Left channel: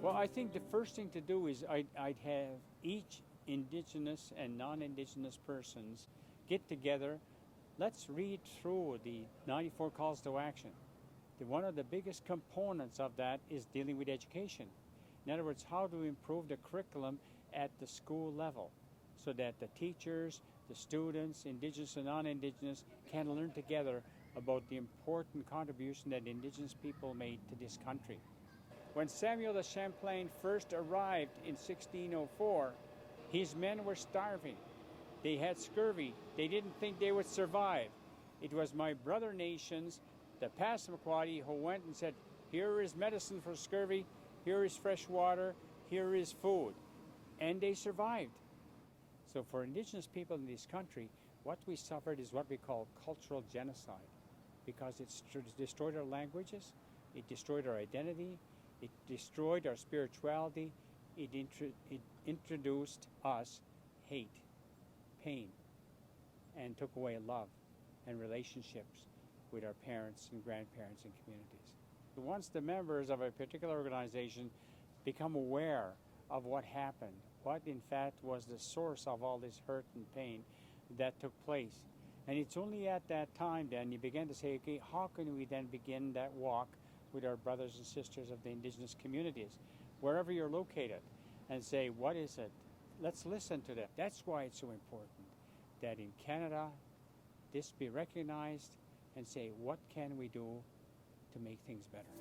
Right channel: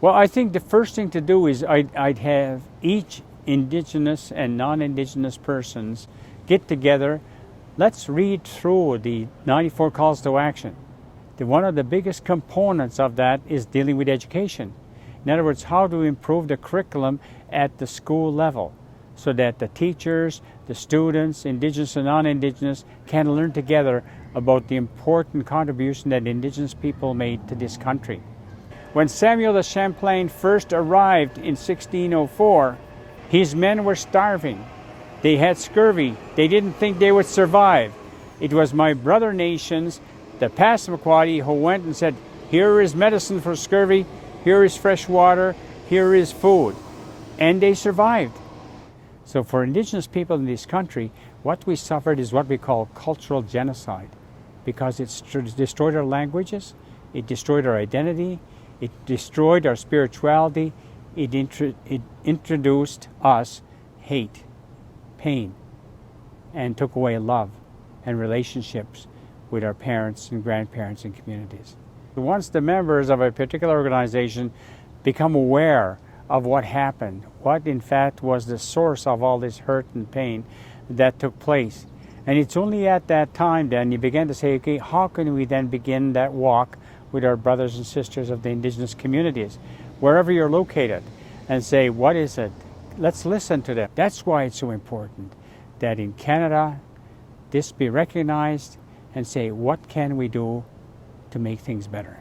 Well, I think the first thing to do is I'd have each Indigenous and non-Indigenous persons get together. Let's read through the 94 calls to action. One of the biggest components of that is dealing with education. In other words, how to improve the curriculum at the school level so that the teachers, the students, Indigenous and non-Indigenous, can learn together about the important contribution that Indigenous people made to this country. When Samuel de Champlain first arrived in 1604, his men were starving. They had scurvy. They didn't think they would survive. It was my brother nations, the Passamaquoddy, who went and said, here is medicine for scurvy, here is fresh water, here is food. And they survived. So for Indigenous people in this country, what we suffered is what we call cultural genocide, because it destroyed our languages, it destroyed our identity, it destroyed our spirituality, it introduced us hate, pain, and took away love and relationships with our parents and grandparents and communities. Once the members of a particular organization become aware of what happened, what in fact was the source of all this hurt and pain that took place, and it's only at that time then you begin to say, okay, how can we then begin that walk with our brothers and sisters of the Indigenous communities, wherever you're located, and say, what is it? Let's listen to them. That's why it's so important that in Canada, this be recognized and say, what can we do to make things better?